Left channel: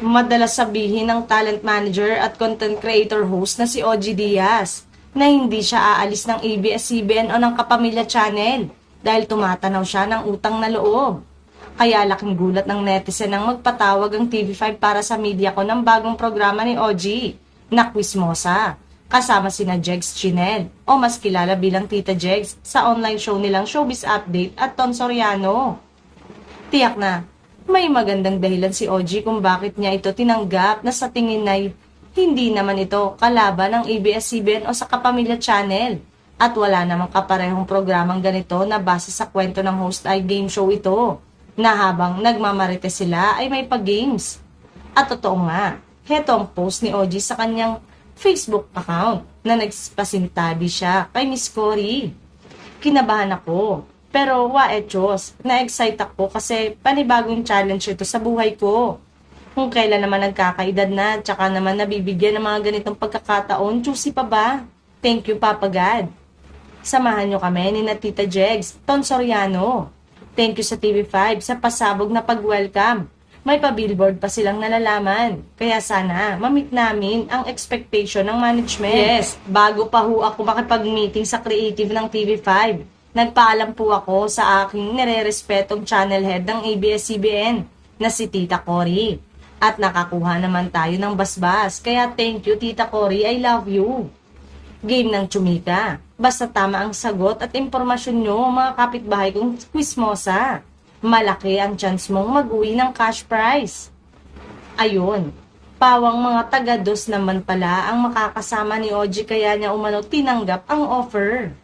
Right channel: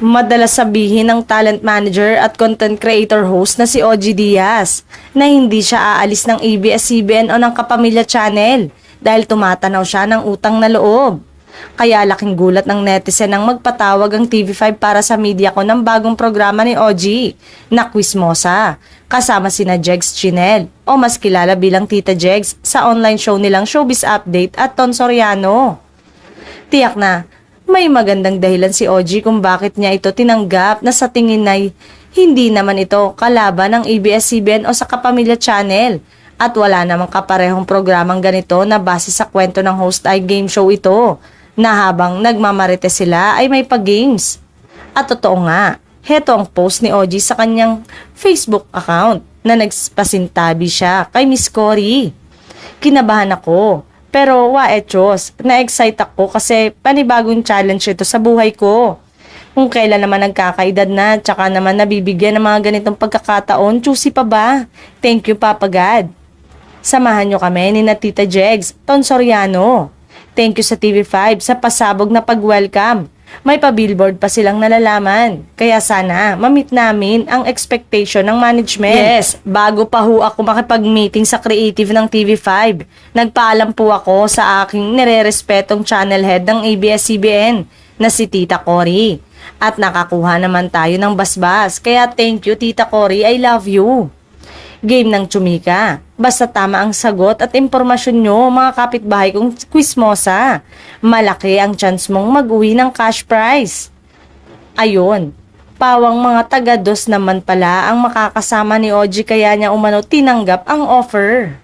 Madalas sabihin ng talent manager at content creator host na si OG Diaz na hindi siya aalis ng ABS-CBN o ng Kapamilya Channel dahil tumatanaw siya ng utang na loob. Kaya laking gulat ng netizen nang magpatawag ang TV5 para sa media ko ng bagong programa ni OG na Quizmosa kasama sina Jegs Chinel o mas kilala bilang Tita Jegs sa online show nilang Showbiz Update at Ton Soriano. Tiyak na may magandang dahilan si OG kung bakit niya ito tinanggap na sa tingin ay hindi naman ito kalaban ng ABS-CBN o sa Kapamilya Channel at wala namang kaparehong programang ganito na base sa kwento ng host ay game show ito na habang nagmamarite sila ay may pag-games. At totoo nga, heto ang post ni OG sa kanyang Facebook account na nagpasintabi siya kay Miss Cory. Kinabahan ako. Pero Diyos, na-excite ako kasi panibagong challenge ito sa buhay ko. Kung kailan naman nagkakaedad na, tsaka naman nabibigyan ng mga ganitong pagkakataon, juicy pa ba? Thank you, Papa God. Samahan nyo kami ni na Tita Jegs, Ton Soriano. Thank you sa TV5 sa pasabog na pag-welcome. May pa-billboard pa silang nalalaman. Kaya sana, ma-meet namin ang expectation ng management. Yes, bago pa ho ako makipag-meeting sa creative ng TV5, nagpaalam po ako sa aking nire-respetong channel head ng ABS-CBN na si Tita Cory. At nakakuha naman tayo ng basbas. Kaya thank you, Tita Cory, I love you. Game ng tsumika. Basta tama ang sagot at impormasyon nyo, mga kapitbahay kong Quizmosa. Malaki ang chance mong mag-uwi ng cash prize. Ayun, pawang mga taga-dos naman pala ang makakasama ni OG kaya niya umano tinanggap ang offer.